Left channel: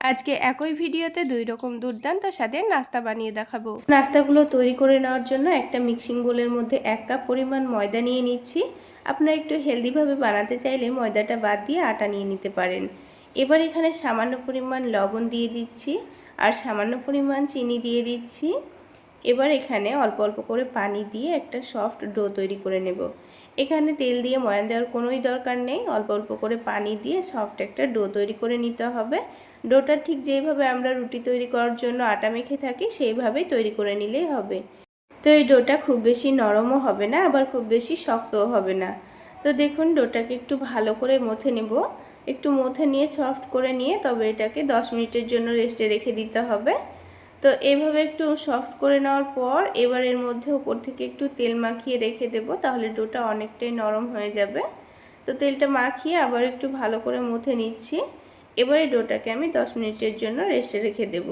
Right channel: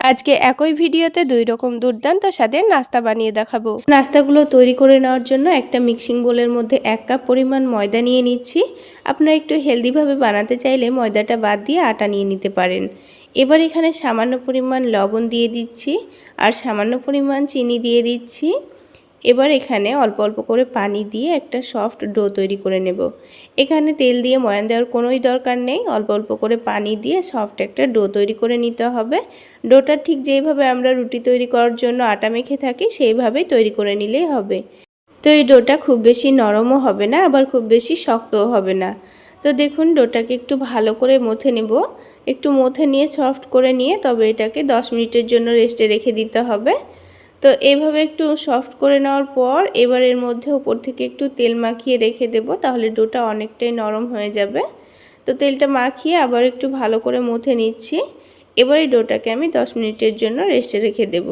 আজকে একই ভিডিওতে দুই রকম দুর্দান্ত স্বাদের নাস্তা বানিয়ে দেখাবো। নাস্তাগুলো তৈরি করে নেওয়ার জন্য একটা মিক্সিং বোলের মধ্যে 1 কাপ পরিমাণ ময়দা নিয়ে নিচ্ছি। আপনারা একটু হেলদিভাবে বানাতে চাইলে ময়দাটা বাদ দিয়ে আটা নিয়ে নিতে পারেন। এবার এখানে সামান্য পরিমাণ লবণ দিয়ে দিচ্ছি আর সামান্য পরিমাণ চিনি দিয়ে দিচ্ছি। এবার এখানে অল্প অল্প করে পানি দিয়ে একটা সফট ডো তৈরি করে নেব। এখানে তেল দিয়ে ময়ান দেওয়ার কোনোই দরকার নেই, অল্প অল্প করে পানি দিয়ে সফট একটা ডো তৈরি করে নিতে হবে। ডোটা ঠিক যেইভাবে আমরা রুটি তৈরি করার জন্য আটা মেখে থাকি সেইভাবেই তৈরি করে নিলেই হবে। তো এই ডোটা খুব বেশি নরমও হবে না, আবার খুব বেশি শক্তও হবে না। তো দেখুন ডোটাকে একটু ভালো করে মথে নেব। একটু মথে নিয়ে সফট করে নিয়ে তবে এটাকে 10 মিনিটের জন্য রেস্টে রেখে দিতে হবে। তো এইভাবে একটু সফট করে নেওয়ার পর এবার এর মধ্যে উপর থেকে একটু তেল মাখিয়ে রেখে দেব, তাহলে ডোটা অনেকটাই নরম হয়ে যাবে। তো তেলটা মাখিয়ে আবার একটু ভালো করে মুথে নিচ্ছি। এবার এই ডোটাকে আমি 10 মিনিটের জন্য রেস্টে রেখে দেব।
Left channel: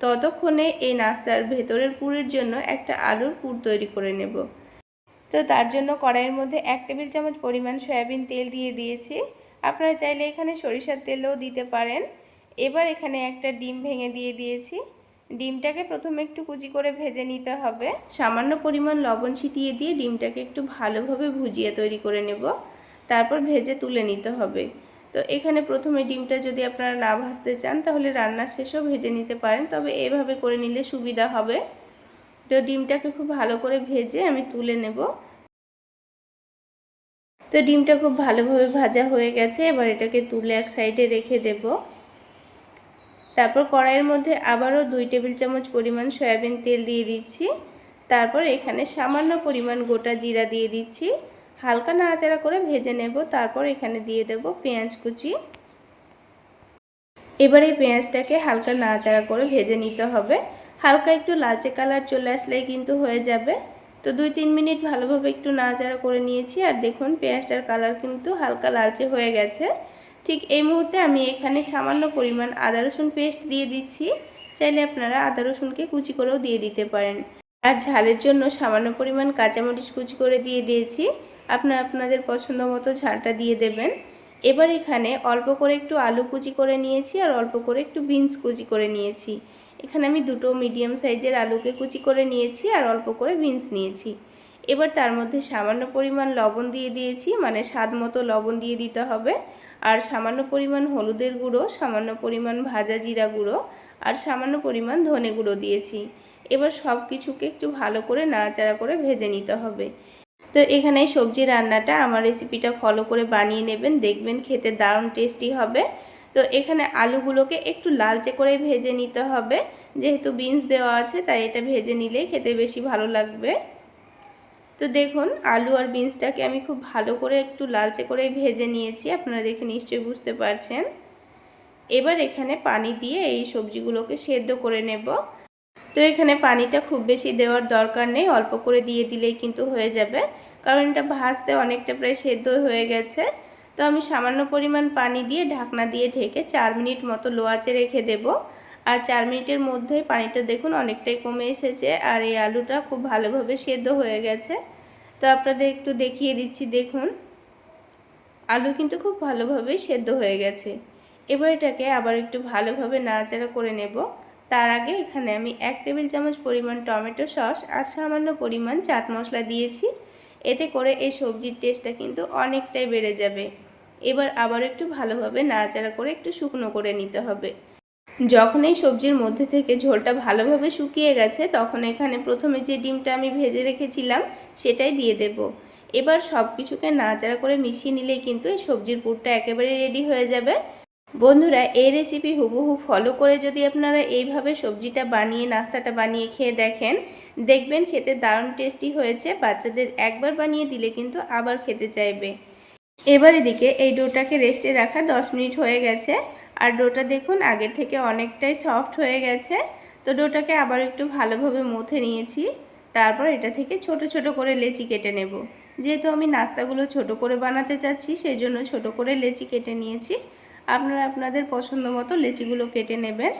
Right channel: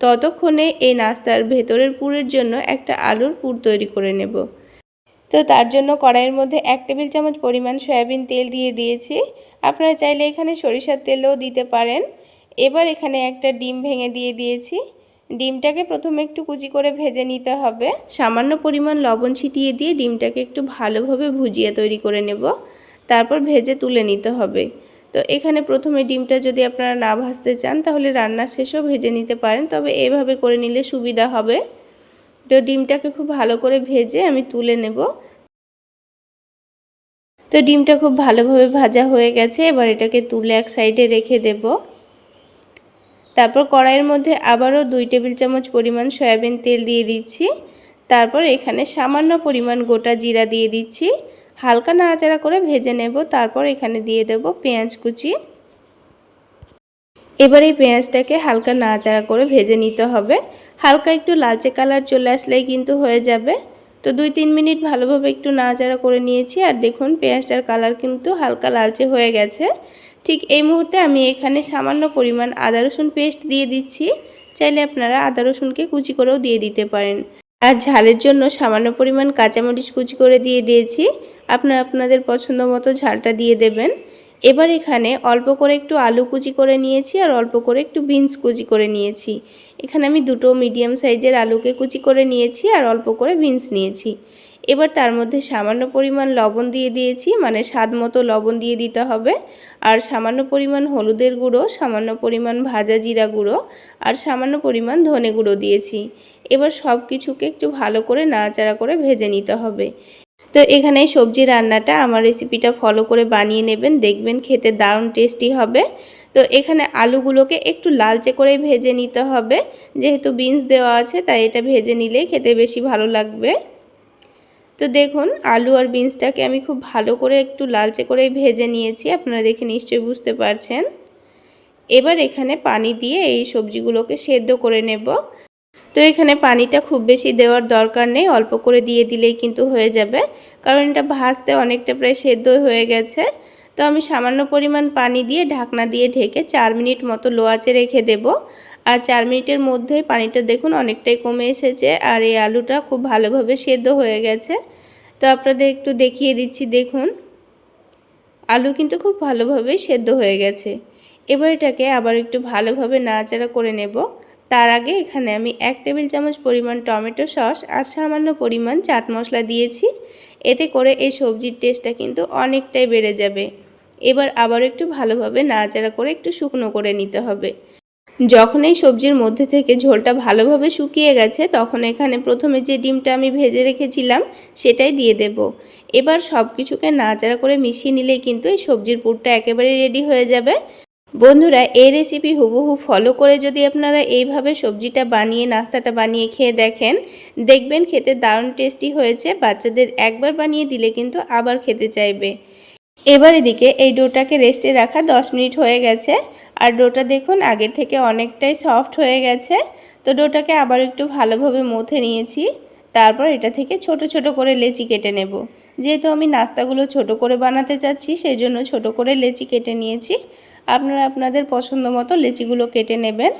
ততক্ষণে এই নাস্তার ভেতরের পুরের জন্য একটা আলুর পুর তৈরি করে নেব। তো তার জন্য কড়াইয়ের মধ্যে 1 টেবিল চামচ পরিমাণ সয়াবিন তেল দিয়ে দিয়েছি। আপনারা চাইলে এখানে সরিষার তেলও দিতে পারেন। এবার এখানে একটা ডিম ভেঙে দিয়ে দিয়েছি। ডিমটাকে প্রথমে একটু কুচি করে ভেজে নিতে হবে। সামান্য পরিমাণ লবণ ছিটিয়ে দিয়ে ডিমটাকে একটু ভালোভাবে ভুজিয়ে তৈরি করে নেব, তারপর ভেজে তুলে নিতে হবে। তো এখানে প্রথমে ডিমটা যদি আপনারা না ভাজতে চান তাহলে রান্নার শেষেও ভেজে নিতে পারেন, তবে এভাবে করে নিলে সুবিধা হবে। তো ডিমটাকে খুব ভালো করে ভেজে আমি তুলে নেব। তো ডিমটা খুব ভালোভাবে ভাজা হয়ে গেছে, এবার এটাকে তুলে এক সাইডে রেখে দেব। তারপর কড়াইয়ের মধ্যে আবারও 2 টেবিল চামচ পরিমাণ সয়াবিন তেল দিয়ে দিচ্ছি। তারপর এখানে সামান্য পরিমাণ গোটা জিরা দিয়ে দিচ্ছি। হালকা নাড়াচাড়া করে ভেজে নেব। তারপর এখানে দিয়ে দেব পেঁয়াজ কুচি। এবার এই পেঁয়াজটাকে হালকা নাড়াচাড়া করে ভেজে নিতে হবে। হালকা একটু লালচে কালার চলে আসলেই কিন্তু হয়ে যাবে। তো 2-3 মিনিট ভালোভাবে একটু নাড়াচাড়া করে নিয়েছি আর দেখুন পেঁয়াজটার কালার কিন্তু হালকা লালচে হয়ে গেছে। ঠিক এই মুহূর্তে আমি এখানে সামান্য পরিমাণ আদা রসুন পেস্ট দিয়ে দিচ্ছি। চাইলে আপনারা আদা রসুনকে কুচি করেও দিয়ে দিতে পারেন। আর ঝালের জন্য সামান্য পরিমাণ কাঁচামরিচ কুচি করে দিয়ে দিয়েছি। আপনারা আপনাদের পছন্দ মতো ঝালটা দিয়ে দেবেন। এবার এখানে অল্প করে একটু আলু কুচি করে নিয়েছি আর অল্প করে একটু বিনস কুচি করে নিয়েছি। এখানে আমি দুটো মিডিয়াম সাইজের আলুকে কুচি করে নিয়েছি আর অল্প করে বিনস নিয়েছি। এবার তার মধ্যে সামান্য পরিমাণ লবণ দিয়ে দিয়েছি, মানে স্বাদ মতো লবণ দিয়ে দিতে হবে। আর সামান্য পরিমাণ হলুদের গুঁড়ো, সামান্য পরিমাণ ভাজা জিরা গুঁড়ো আর সামান্য পরিমাণ ধনে গুঁড়ো দিয়েছি। এবার সব কিছুকে একটু ভালো করে নাড়াচাড়া করে ভেজে নিতে হবে। তো এখানে সবজি রান্নাটা আমার রেসিপিটা ফলো করে বানিয়ে নেবেন, দেখবেন খেতে দারুণ টেস্টি হবে। তো এখানে আলুগুলোকে একটু লালচে করে ভেজে নিতে হবে, যেহেতু বিনস দেওয়া আছে তাই এটা ভেজে নিলেই খেতে বেশি ভালো লাগবে। তো দেখুন আলু আর বিনসটাকে আমি খুব ভালো করে একটু লালচে করে ভেজে নিয়েছি, আপনারা দেখে নিশ্চয়ই বুঝতে পারছেন। এবার এখানে পানি দিয়ে এই সবজিগুলোকে সেদ্ধ করে নেব। তো এখানে পানিটা খুব বেশি দেওয়ার দরকার নেই, অল্প করে দিয়ে দিলেই কিন্তু হয়ে যাবে, কারণ এটা ভাজতে অনেকটা প্রায় সেদ্ধ হয়ে গেছে। তো আমি সামান্য পরিমাণ পানি দিয়ে ঢাকনা দিয়ে ঢেকে 4 মিনিট মতো লো আঁচে রেখে দেব। আর 4 মিনিটের মধ্যেই পানিটা দেখুন অনেকটাই কমে এসেছে আর এই আলুটা খুব ভালোভাবে সেদ্ধ হয়ে গেছে। তো আপনাদের একটু দেখিয়ে দিচ্ছি, দেখুন আলু কিন্তু খুব ভালোভাবে সেদ্ধ হয়ে গেছে। এবার এটাকে আবার একটু ভালোভাবে নাড়াচাড়া করে নেব। তার আগে এখানে আমি 1 টেবিল চামচ পরিমাণ টমেটো সস আর সামান্য পরিমাণ চাট মশলা দিয়েছি। এতে করে এই সবজির টেস্টটা কিন্তু অনেকটাই বেড়ে যাবে। এবার আবার একটু ভালোভাবে নাড়াচাড়া করে একটু শুকনো করে নিতে হবে। যখন এই সবজির মধ্যে থেকে ঝোলটা ভালোভাবে শুকিয়ে গেছে তখন এখানে প্রথমে যে ডিমটা আমি ভেজে রেখেছিলাম সেটাই দিয়ে দেব। এবার সব কিছুকে নাড়াচাড়া করে মিশিয়ে নিলেই কিন্তু এই সবজির পুরটা একেবারে রেডি হয়ে যাবে। বন্ধুরা এই রেসিপি হুবহু ফলো করে যদি আপনারা এইভাবে সবজিটা বানিয়ে নাস্তাটা বানিয়ে খেয়ে দেখেন, দেখবেন খেতে দারুণ টেস্টি হয়েছে। বাচ্চাদের একবার বানিয়ে দিলে কিন্তু আবার খেতে চাইবে। এবার এদিকে এই ডোটাকে রেস্টে রাখা 10 মিনিট হয়ে গেছে আর ডোটা দেখুন আগের থেকে অনেকটাই সফট হয়ে গেছে। তো ডোটাকে আবার একটু ভালোভাবে মথে নিয়েছি। তারপর এটা থেকে ছোট ছোট করে লেচি কেটে নেব। যেহেতু আমি নাস্তাগুলো ছোট করে বানাতে চাচ্ছি সেই জন্য ছোট করে লেচি কেটে নিয়েছি। আপনারা আপনাদের পছন্দ মতো লেচিগুলো কেটে নেবেন।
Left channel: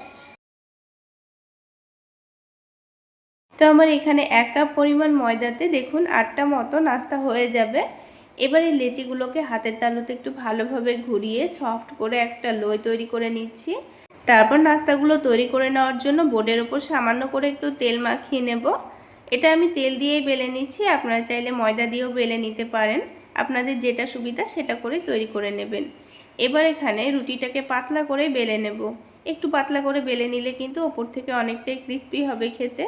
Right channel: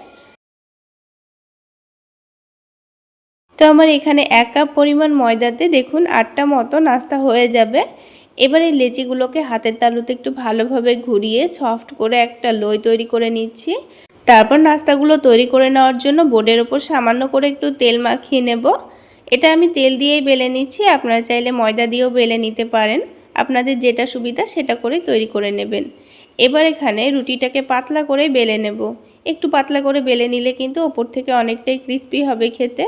তো আমার এখানে 1 কাপ পরিমাণ ময়দাতে দেখুন 8টা মতো নাস্তা হয়ে যাবে। এবার এই লেচিগুলোকে হাতের তালুতে একটু ভালোভাবে ঘুরিয়ে সফট করে একটা লোই তৈরি করে নিচ্ছি। তারপর নাস্তাগুলো তৈরি করে নেওয়ার জন্য বোর্ডের ওপর সামান্য করে একটু তেল মাখিয়ে নেব। এটা আমি তেল দিয়েই বেলে নিচ্ছি, আপনারা চাইলে ময়দা দিয়েও বেলে নিতে পারেন। আপনাদের যেটা সুবিধা সেটা করে তৈরি করে নেবেন। এবার এখানে রুটিটাকে পাতলা করে বেলে নেব। একটু পাতলা করে বেলে নিলে কিন্তু ওপর থেকে অনেকটাই ক্রিস্পি হবে খেতে।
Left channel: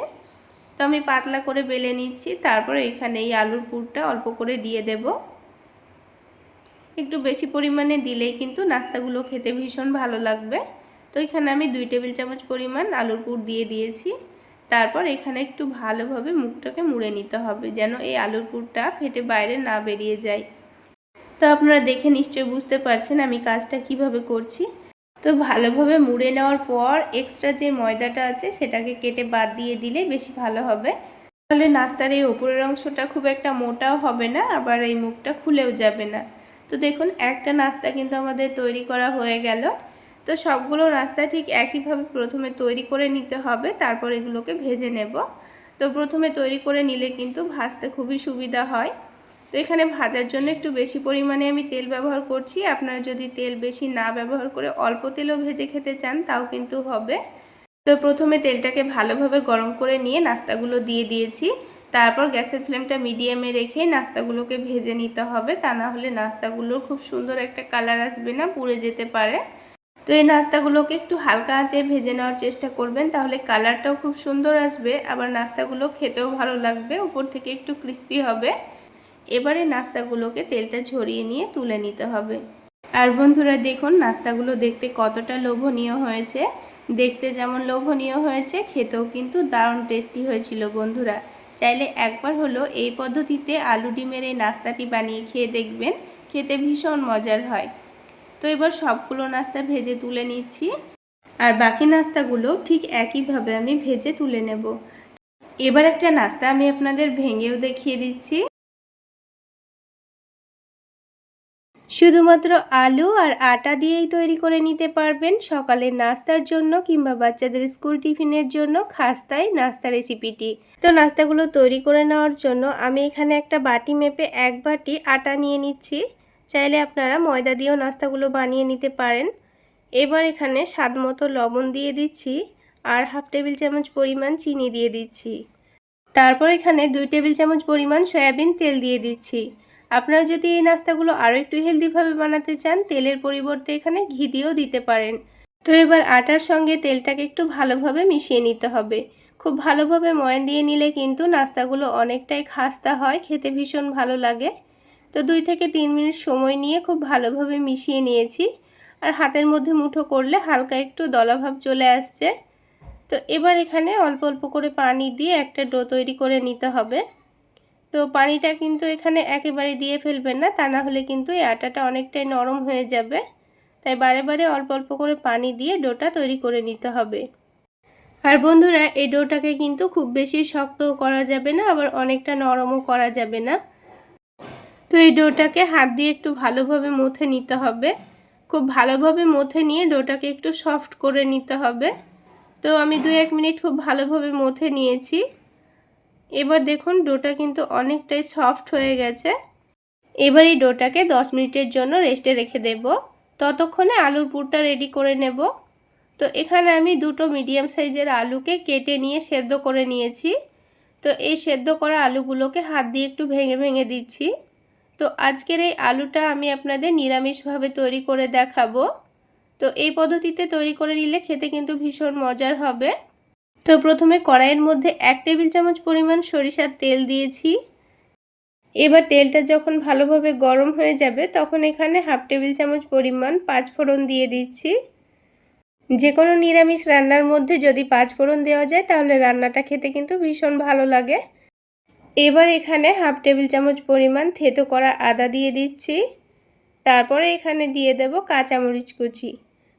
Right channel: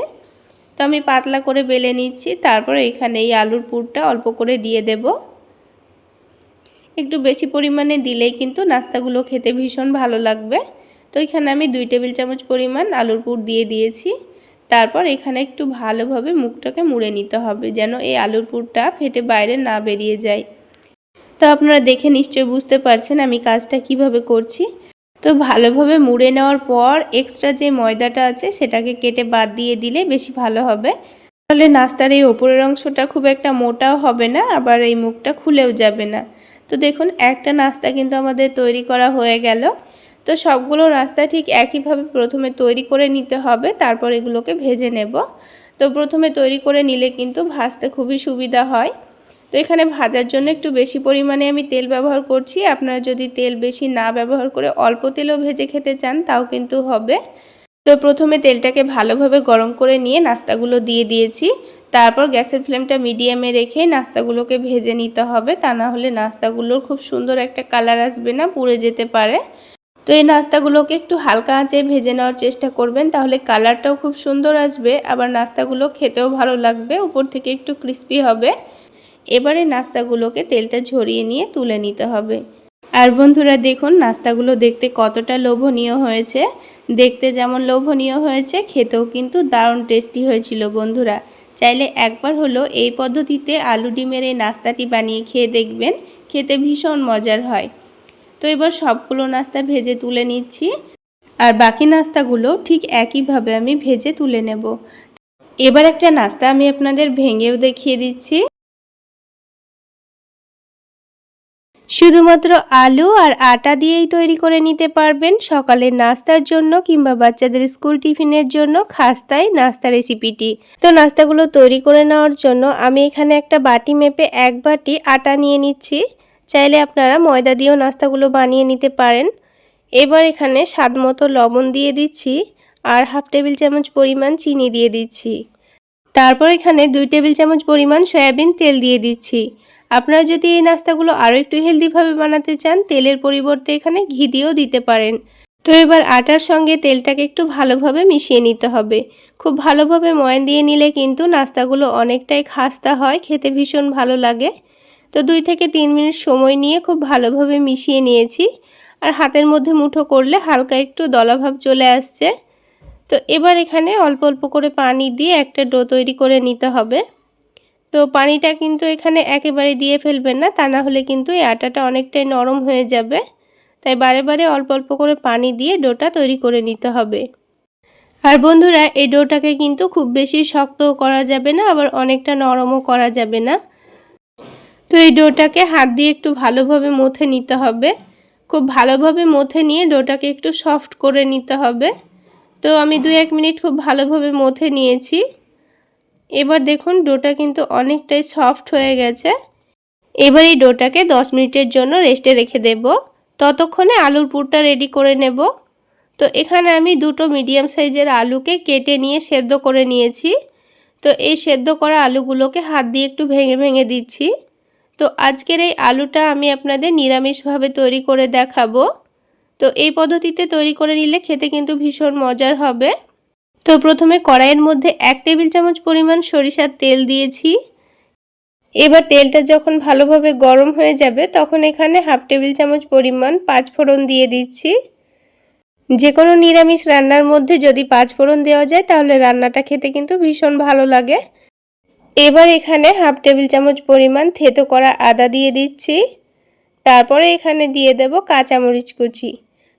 তো আমি পাতলা করে বেলে নিচ্ছি। তারপর এখানে এই আলুর পুরটা অল্প করে দিয়ে দেব। একটু বেশি পরিমাণে দিলেই কিন্তু নাস্তাগুলো খেতে ভীষণ ভালো লাগবে। তো এখানে আমি 2 টেবিল চামচ পরিমাণ আলুর পুর দিয়ে দিয়েছি। তারপর এখানে একটু ভালোভাবে মুখটাকে মুড়ে নিতে হবে, যেন এই আলুর পুরটা ফেটে বাইরে না বেরিয়ে যায়। তো আপনারা দেখে নিশ্চয়ই বুঝতে পারছেন আমি কাজটা কিভাবে করছি। তো ভালোভাবে মুড়ে নেওয়ার পর এক্সট্রা যে ময়দাটা আছে সেটাকে কেটে বাদ দিয়ে দিলে বেশি ভালো হবে। তাহলে নাস্তার এই ওপরের অংশটা খুব একটা মোটাও হবে না, আবার এই মুখটা খুলেও যাবে না। তো দেখুন একটা নাস্তা কিন্তু আমাদের তৈরি করা হয়ে গেল। তো সবগুলো নাস্তা ঠিক একইভাবে প্রথমে তৈরি করে নিতে হবে, তারপর এগুলোকে ভেজে নেব। তো প্রথমে তৈরি করে নিলে কিন্তু ভাজতে খুবই সুবিধা হয়। তো এখানে ভাজার জন্য একটু বেশি পরিমাণে আমি তেল ব্যবহার করছি। আপনারা যদি তেল বেশি না ব্যবহার করে অল্প তেলেও ভেজে খেতে চান তাও কিন্তু হবে। তো প্রথমে তেলটাকে ভালোভাবে গরম করে নিয়ে নাস্তাগুলো দিয়ে দিয়েছি। তারপর গ্যাসের ফ্লেমটা মিডিয়ামে রেখে নাস্তাগুলোকে ভেজে নিতে হবে, তা না হলে নাস্তাগুলোর খুব সুন্দর একটা কালার আসবে না, পুড়ে যেতে পারে। তো এই নাস্তাগুলোকে একটু হালকা আঁচে ভেজে নেওয়ার চেষ্টা করবেন, তাহলে কালারটাও খুব সুন্দর আসবে, আবার নাস্তাগুলো খেতেও ভালো লাগবে, উপর থেকে একটু ক্রিস্পি হবে। এবারে নাস্তাগুলোকে তেলটা ঝরিয়ে নিয়ে তুলে নিতে হবে। আর বন্ধুরা দেখুন নাস্তাগুলো দেখতে কতটা লোভনীয় হয়েছে। দেখতে যেমন লোভনীয় হয়েছে, খেতেও কিন্তু দারুণ টেস্টি হয়েছিল বন্ধুরা। চাইলে একবার হলো এই পদ্ধতিতে আলু ডিমের এই নাস্তাটি বানিয়ে খেয়ে দেখবেন, খেতে ভীষণ মজার হয়। তো এবার সবগুলো নাস্তা ভেজে তুলে নিচ্ছি, আর বাকি নাস্তাগুলো ঠিক একইভাবে আমি ভেজে তুলে নেব। এবার একটা নাস্তা আমি আপনাদের ভেঙেও দেখিয়ে দিচ্ছি। শুধুমাত্র আলু আর আটা দিয়েই তৈরি করে নিতে পারবেন সকালের নাস্তার জন্য কিংবা বাচ্চাদের স্কুল টিফিনের জন্য খাস্তাই নাস্তা রেসিপিটি। তো নাস্তাগুলো তৈরি করে নেওয়ার জন্য আমি এখানে একটা বাটি মেপে 1 বাটি আটা নিয়ে নিচ্ছি। চাইলে আপনারা ময়দা দিয়েও নাস্তাগুলো বানিয়ে নিতে পারেন। এবার এখানে স্বাদ মতো লবণ দিয়ে দিচ্ছি আর 1/2 টেবিল চামচ পরিমাণ চিনি দিয়ে দিচ্ছি। তারপর এখানে 2 টেবিল চামচ পরিমাণ সয়াবিন তেল দিয়ে দিচ্ছি। আপনারা যদি এই নাস্তাগুলো আরও একটু হেলদিভাবে বানাতে চান তেলের পরিবর্তে এখানে ঘি দিয়েও দিতে পারেন। তো এবার আটার সঙ্গে তেলটাকে একটু ভালোভাবে মিশিয়ে নিতে হবে। খুব ভালোভাবে ময়ান দিয়ে নিলে কিন্তু নাস্তাগুলো অনেকটাই খাস্তা হয়, খেতে ভীষণ ভালো লাগে। তো 2 থেকে 3 মিনিট সময় নিয়ে খুব ভালোভাবে মিশিয়ে নিয়েছি। আর হাতের মধ্যে মুঠো করলে হালকা একটু দলাভাব চলে আসছে। তো এবার এখানে অল্প অল্প করে পানি দিয়ে একটা ডো তৈরি করে নিতে হবে। তো পানিটা কিন্তু এখানে একেবারে দিয়ে ফেলবেন না, তা না হলে কিন্তু এই আটাটা অনেকটাই নরম হয়ে যাবে। তাই বারে বারে অল্প অল্প করে পানি দিয়ে ডোটা তৈরি করে নিতে হবে। আর বন্ধুরা এই ডোটাকে কিন্তু খুব বেশি শক্তও করা যাবে না, আবার অনেকটা নরমও করা যাবে না। তো এই ডোটাকে হাত দিয়ে একটু ভালোভাবে মথে নিতে হবে। খুব ভালোভাবে মথে নিয়ে ডোটাকে একটু সফট করে নিতে হবে। তো আমি 2-1 মিনিট খুব ভালোভাবে মথে নিয়েছি। এবার দেখুন ডোটা কিন্তু অনেকটাই সফট হয়ে গেছে। এবার এই ডোটাকে 10 মিনিটের জন্য রেস্টে রেখে দেব। ততক্ষণে আলুর পুরটা রেডি করে নেব। তো এখানে আমি 2টো মিডিয়াম সাইজের আলুকে কেটে নিয়ে সেদ্ধ করে নিয়েছি। তো এই সেদ্ধ করা আলুগুলোকে হাত দিয়ে একটু ভেঙে ভেঙে দিচ্ছি। তো আজকের এই আলুটা আমি আপনাদের নিরামিষভাবে তৈরি করে দেখাবো। তো এই পদ্ধতিতে তৈরি করে নিলে খেতে কিন্তু ভীষণ মজার হবে। তো প্রথমে কড়াইয়ের মধ্যে 1 টেবিল চামচ পরিমাণ সরিষার তেল দিয়েছি। এবার তেলটা যখন ভালোভাবে গরম হয়ে যাবে তখন এখানে 1/2 টেবিল চামচ পরিমাণ পাঁচফোড়ন দিয়ে দিচ্ছি। যে কোনো নিরামিষ রান্নার মধ্যে যদি পাঁচফোড়ন দেওয়া যায় তাহলে রান্নাটা খেতে কিন্তু ভীষণ ভালো লাগে। এবার এখানে 1/2 টেবিল চামচ পরিমাণ থেতো করা আদা দিয়ে দিচ্ছি। তারপরে এখানে দিয়ে দেব কাঁচামরিচ কুচি।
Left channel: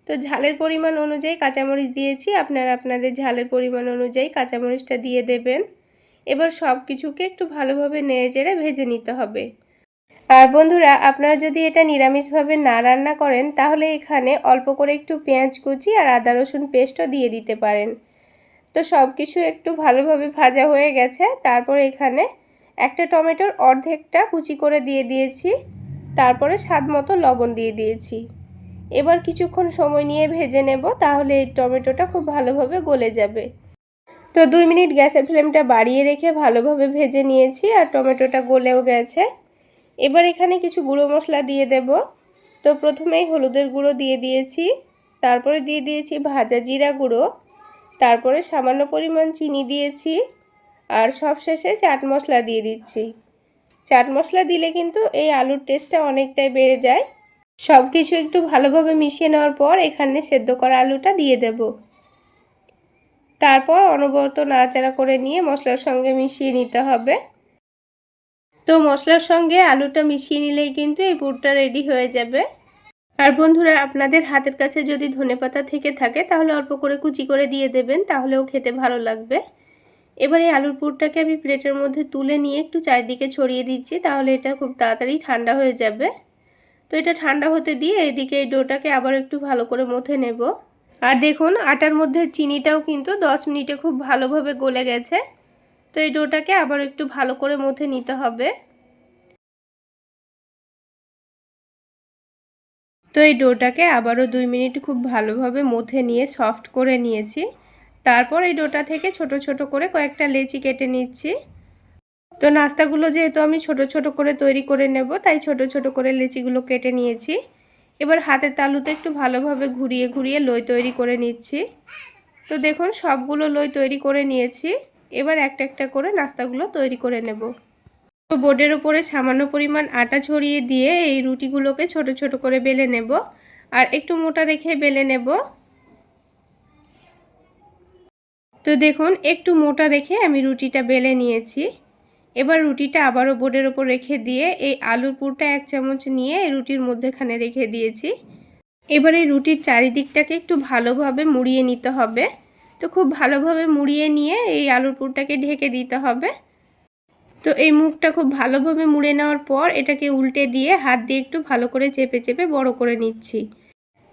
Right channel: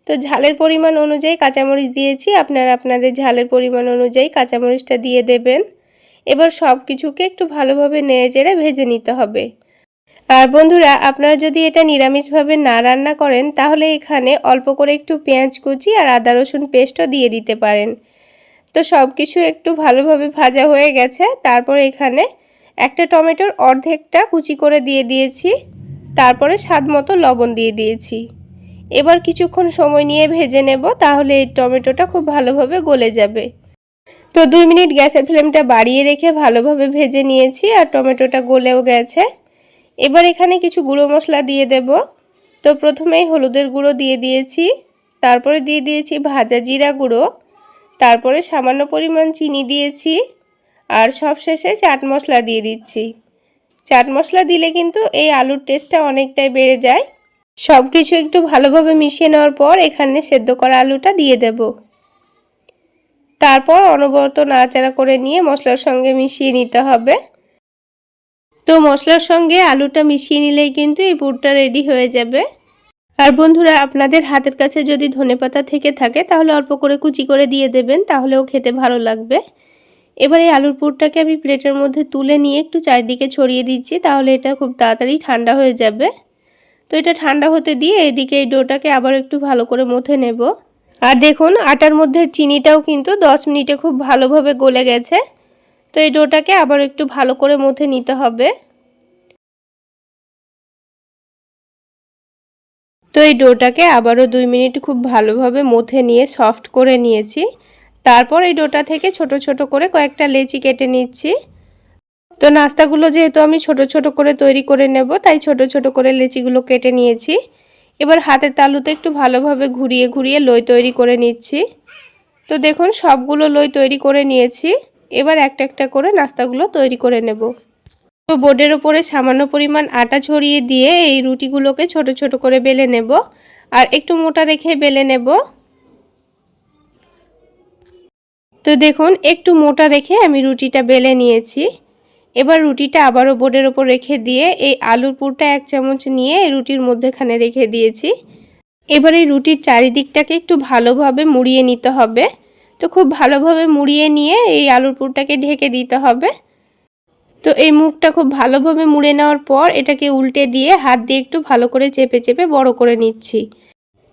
তো ঝালের পরিমাণ অনুযায়ী কাঁচামরিচ দিয়েছি, আপনারা আপনাদের ঝালের পরিমাণ অনুযায়ী কাঁচামরিচটা দিয়ে দেবেন। এবার সব কিছুকে একটু ভালোভাবে নেড়েচেড়ে ভেজে নিতে হবে। আর বন্ধুরা আপনারা যদি এটা নিরামিষভাবে না রান্না করেন তাহলে এখানে অল্প করে একটু পেঁয়াজ কুচি আর আদা রসুন পেস্টও দিয়ে দিতে পারেন। তো সব কিছু একটু ভালোভাবে ভাজা হয়ে গেছে। তারপর এখানে একটা টমেটোর অর্ধেকটা কুচি করে দিয়ে দিয়েছি। তারপরে স্বাদ মতো লবণ দিয়ে দিয়েছি। এবার কিছুক্ষণ সময় নিয়ে ভেজে নেব, তাহলে এই টমেটোটা খুব ভালোভাবে গলে যাবে। তো 2 মিনিট গ্যাসের ফ্লেমটা বাড়িয়ে রেখে ভালোভাবে ভেজে নিয়েছি আর টমেটোটা গলেও গেছে। এবার এখানে কিছু গুঁড়ো মশলা দিয়ে দেব। তো প্রথমেই হলুদের গুঁড়ো দিয়ে দিয়েছি, তারপরে দিয়ে দিয়েছি ভাজা জিরা গুঁড়ো, তারপরে সামান্য পরিমাণ চিনি দিয়েছি আর সবশেষে চাট মশলা দিয়ে দিচ্ছি। চাট মশলা দিলে কিন্তু এই আলুর টেস্টটা অনেকটাই বেড়ে যায়। সব কিছু একটু ভালোভাবে মিশিয়ে নেওয়ার পর এখানে সেদ্ধ করা আলুটা দিয়ে দেব। তারপর অনবরত নাড়াচাড়া করে নিয়ে মশলার সঙ্গে মিশিয়ে নিতে হবে। তো মশলার সঙ্গে আলুটা মিশিয়ে নিলেই কিন্তু এই পুরটা রেডি হয়ে যাবে। আর বন্ধুরা, আপনাদের হাতের কাছে যদি ধনেপাতা থেকে থাকে তাহলে অল্প করে কুচি করে দিয়ে দেবেন, তাহলেও খেতে ভালো লাগবে। এবারে আলুর পুরটাকে আমি প্লেটের মধ্যে তুলে নিয়ে একটু চারিদিকে ছড়িয়ে দিচ্ছি, তাহলে এটা খুব তাড়াতাড়ি ঠান্ডা হয়ে যাবে। তো এটা ঠান্ডা হতে দিয়ে এদিকে এই ডোটাকে আবার একটু ভালো করে মথে নেব। আর দেখুন, আটার মধ্যে চিনিটাও কিন্তু 10 মিনিটে খুব ভালোভাবে গলে গেছে। তো এই ডোটাকে আবার একটু ভালো করে মথে নিতে হবে। তো এই ডোটাকে আবারও 2 মিনিট খুব ভালোভাবে মথে নিয়ে সফট করে নিয়েছি। তারপর এই ডোটা থেকে ছোট ছোট করে কয়েকটা লেচি কেটে নিচ্ছি। তো নাস্তাগুলো যেহেতু আমি ছোট ছোট করে তৈরি করে নেব, তাই ছোট ছোট করে লেচিগুলো কেটে নিয়েছি। এবার হাতের তালুতে একটু ভালোভাবে ঘুরিয়ে ঘুরিয়ে লই তৈরি করে নিচ্ছি। তো দেখুন, সবগুলো লই তৈরি করে নিয়েছি। এবার একটা একটা করে নাস্তাগুলো তৈরি করে নেব। তো বোর্ডের উপরে সামান্য পরিমাণ আটা ছড়িয়ে দিয়ে এই রুটিগুলোকে ছোট ছোট করে বেলে নেব আর একটু মোটা রেখে বেলে নেব। তো দেখুন, একটু মোটা রেখে আমি রুটিটা বেলে নিয়েছি। এবার রুটিটা আবারও বোর্ডের ওপর রেখে দিয়ে এই আলুর পুরটা 1 চামচ নিয়ে রুটির মধ্যেখানে রেখে দিয়েছি। এবার এই রুটির চারিদিকটাকে একটু ভালোভাবে মুড়িয়ে নিতে হবে। তো খুব ভালোভাবে মুড়িয়ে নিয়ে এই আলুর পুরটাকে ঢেকে দিতে হবে। তো এই মুখটা খুব ভালোভাবে মুড়ে নেওয়ার পর এটাকে উল্টে দিয়ে হাত দিয়ে একটু ভালো করে চেপে চেপে বড় করে নিচ্ছি।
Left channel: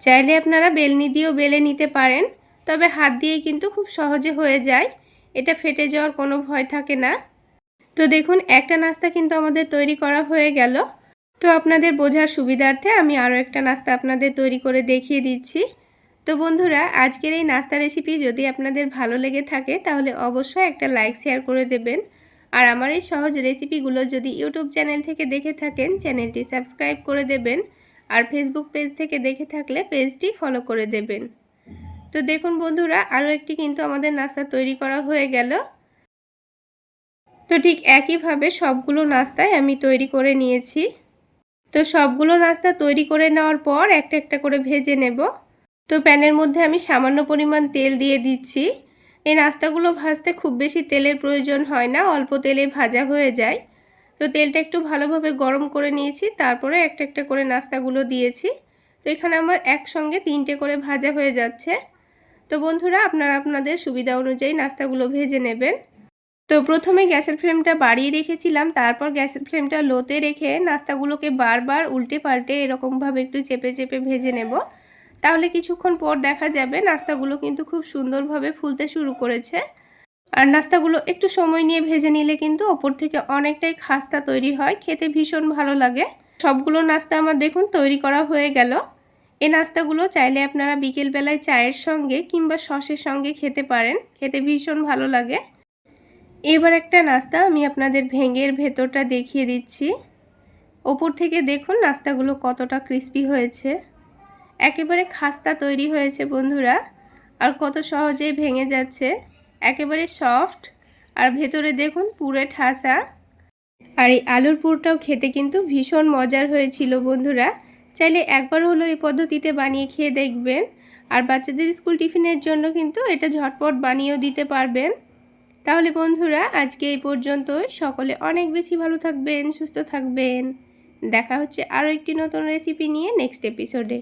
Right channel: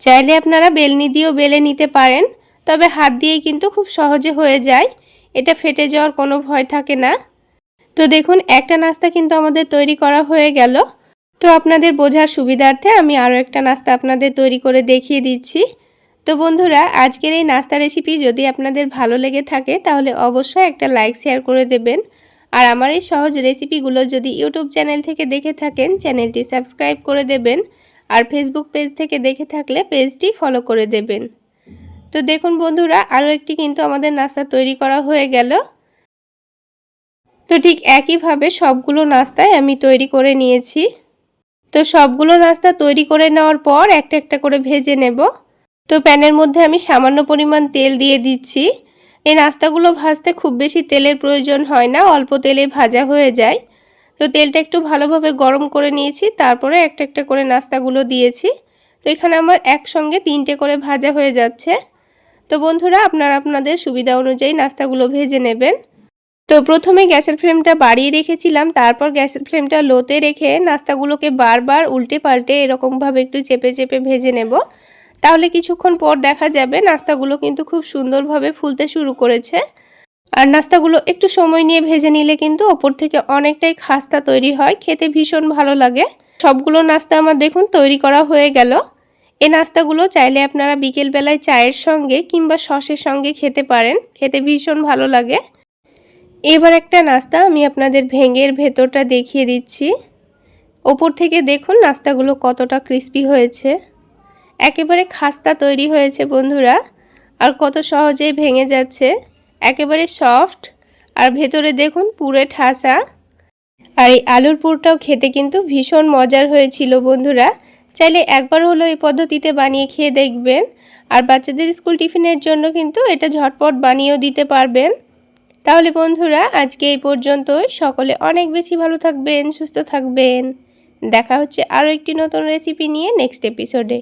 চাইলে আপনারা বেলনি দিয়েও বেলে নিতে পারেন, তবে হাত দিয়েই কিন্তু খুব সহজে হয়ে যায়, এটা ফেটে যাওয়ার কোনো ভয় থাকে না। তো দেখুন, একটা নাস্তা কিন্তু আমাদের তৈরি করা হয়ে গেল। তো আপনাদের বোঝার সুবিধার্থে আমি আরও একটা নাস্তা আপনাদের তৈরি করে দেখিয়ে দিচ্ছি। তো বন্ধুরা, আজকের এই নাস্তা রেসিপি যদি আপনাদের ভালো লেগে থাকে তাহলে অবশ্যই একটা লাইক শেয়ার করে দেবেন। আর আমার এই সহজ রেসিপিগুলো যদি ইউটিউব চ্যানেল থেকে দেখে থাকেন, চ্যানেলটি সাবস্ক্রাইব করে দেবেন। আর ফেসবুক পেজ থেকে দেখে থাকলে পেজটি ফলো করে দেবেন। তো দেখুন বন্ধুরা, আরও একটি কিন্তু আমাদের নাস্তা তৈরি করা হয়ে গেল। তো ঠিক একইভাবে সবগুলো নাস্তায় আমি তৈরি করে নিয়েছি। তো সবগুলো নাস্তা তৈরি করে নেওয়ার পর একটা একটা করে ভেজে নেব। তো প্যানের মধ্যে আমি সামান্য পরিমাণ তেল দিয়ে দিচ্ছি। এই নাস্তাগুলো ভাজতে খুব বেশি তেলের প্রয়োজন হয় না, অল্প তেলে ভাজা হয়ে যায়। তো তেলটা একটু ভালোভাবে গরম করে নিয়েছি, তারপরে একটা একটা করে নাস্তাগুলো দিয়েছি। তো এখানে আমার একসঙ্গে 3টে করে ভাজা হয়ে যাচ্ছে। তো বন্ধুরা, আপনারা আপনাদের সুবিধা অনুযায়ী নাস্তাগুলো ভেজে নেবেন। তো প্রথমে গ্যাসের ফ্লেমটা বাড়িয়ে রেখেছিলাম, তারপর গ্যাসের ফ্লেমটা লোতে রেখে নাস্তাগুলোকে বারবার উল্টে পাল্টে এরকমভাবে একটু চেপে চেপে ভেজে নেব। তাহলে কিছুক্ষণ পর দেখা যাবে নাস্তাগুলো কিন্তু খুব সুন্দরভাবে ফুলতে শুরু করেছে। আর নাস্তাগুলো একটু সময় নিয়ে ভেজে নিলে কিন্তু ওপর থেকে অনেকটাই খাস্তা তৈরি হয়, খেতে ভীষণ ভালো লাগে। সবগুলো নাস্তা আমার দেখুন তৈরি করা হয়ে গেল। এই নাস্তাগুলো চাইলে আপনারা বিকেলবেলায় চায়ের সঙ্গে কিংবা সসের সঙ্গে খেতে পারেন, খেতে ভীষণ ভালো লাগে। এবার একটা নাস্তা আমি আপনাদের ভেঙের ভেতরটা দেখিয়ে দিচ্ছি। ওপর থেকে দেখুন নাস্তাগুলো কতটা ক্রিস্পি হয়েছে, একেবারে খাস্তা তৈরি হয়েছে বন্ধুরা। আর কত সহজেই ভেঙে যাচ্ছে, একেবারে সফট। আর ভেতরে দেখুন পুরে ঠাসা। আর এই আলুর পুরটাও খেতে কিন্তু ভীষণ মজার হয়েছিল বন্ধুরা। চাইলে একবার হলো এই পদ্ধতিতে বানিয়ে খেয়ে দেখবেন। আর বাচ্চাদের স্কুল টিফিনের জন্য কিন্তু এটা ঝটপট বানিয়েও দিতে পারবেন। তাহলে বন্ধুরা, আজকে এই পর্যন্তই। সকলে অনেক বেশি ভালো থাকবেন, সুস্থ থাকবেন। দেখা হচ্ছে আরও একটি নতুন রেসিপি নিয়ে নেক্সট এপিসোডে।